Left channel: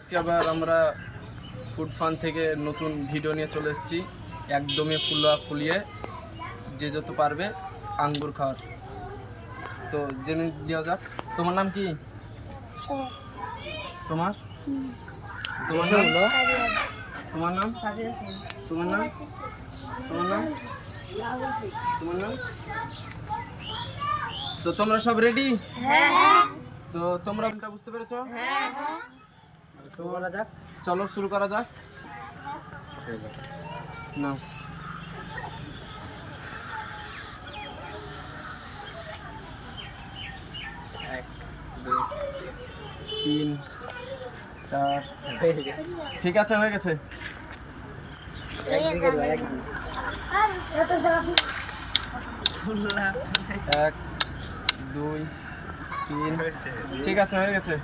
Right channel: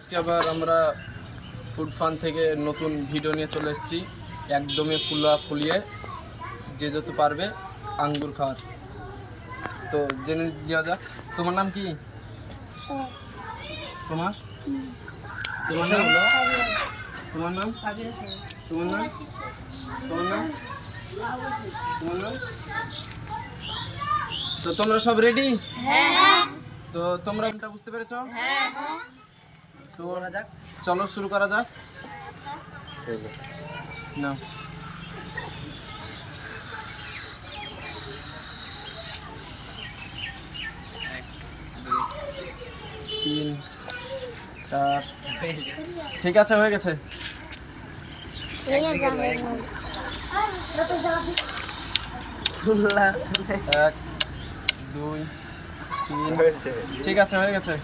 আজকে আবার আমরা ফুড ফান থেকে নতুন ভিডিও নিয়ে চলে এসেছি। একদমই ফুলিয়ে যে যত পারবে আঙ্গুর খাওয়ার। তো জেনে দেওয়া যাক, তোমার নাম কি? তোমার তোমার নাম তোমার নাম তোমার নাম তোমার নাম তোমার নাম তো তোমরা সব রেডি? তো তোমরা বুঝতে পেরেছো? তো চলো শুরু করা যাক। না তিন চার, ঠিক আছে, হয়ে গেছে। এক দুই তিন, ঠিক আছে, হয়ে গেছে।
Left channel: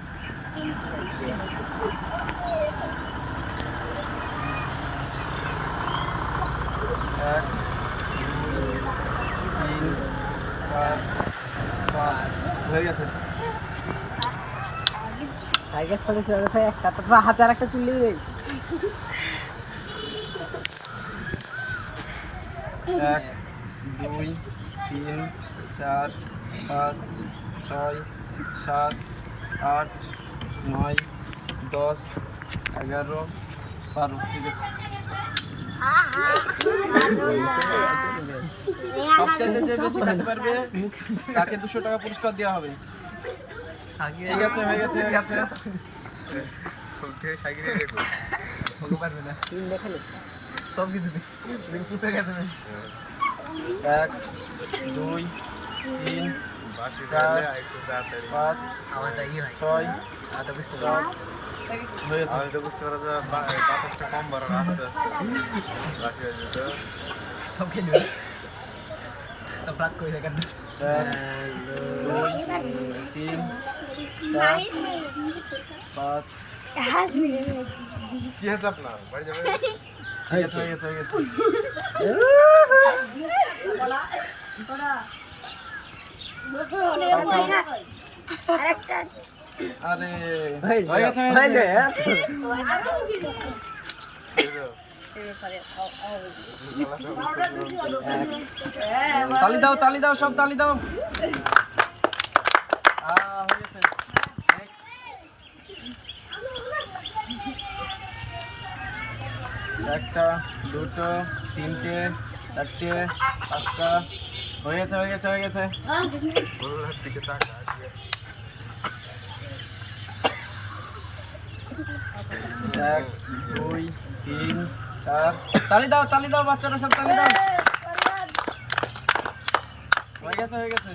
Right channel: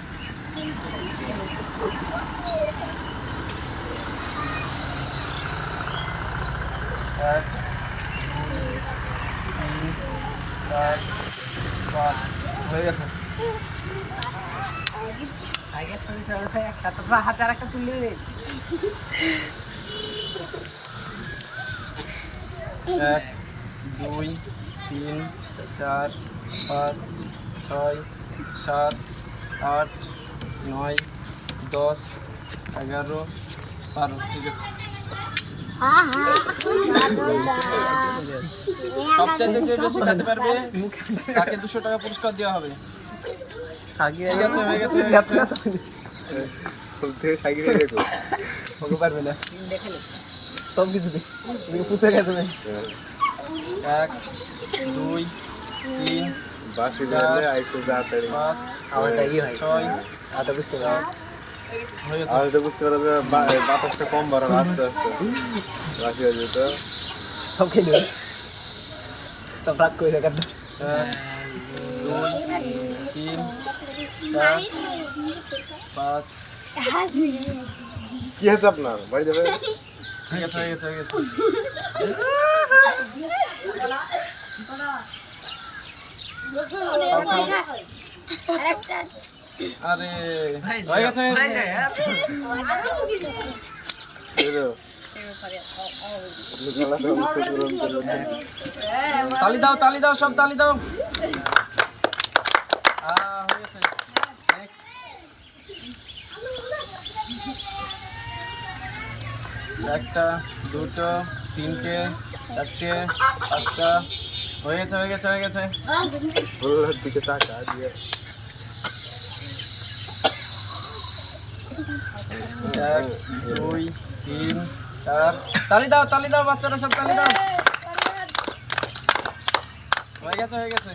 এক দুই তিন চার পাঁচ, হয়ে গেছে। ছোট ছোট একটা তো হাতে আর একটা তুলে দিয়েছি। এক দুই তিন চার পাঁচ ছয় সাত আট নয় 10 11 12, ঠিক আছে। সবচাইতে যে বেশি খেতে পারবে তাকে 200 টাকা পুরস্কার দেওয়া হবে। ঠিক আছে, হয়ে গেছে, হয়ে গেছে। এক দুই তিন চার পাঁচ ছয় সাত, হয়ে গেছে। বুঝতে পারা যায় বাতাসটা কম বাড়ানো আস্তে আস্তে বাসি হয়ে যেত। এক দুই তিন চার পাঁচ, কি আছে আপনার বাড়ি যাবে? ঠিক আছে, হয়ে গেছে, হয়ে গেছে। আরে হয়ে গেছে, হয়ে গেছে। তালি দাও, তালি দাও, সব তালি দাও। হয়ে গেছে। Next. একটা দুটো তিনটে চারটে পাঁচটা, হয়ে গেছে, হয়ে গেছে, হয়ে গেছে। গোলার দিকে তাকা দিয়ে এক দুই তিন চার, তালি দাও, তালি দাও, বাচ্চারা সব তালি দাও। হয়ে গেছে, হয়ে গেছে।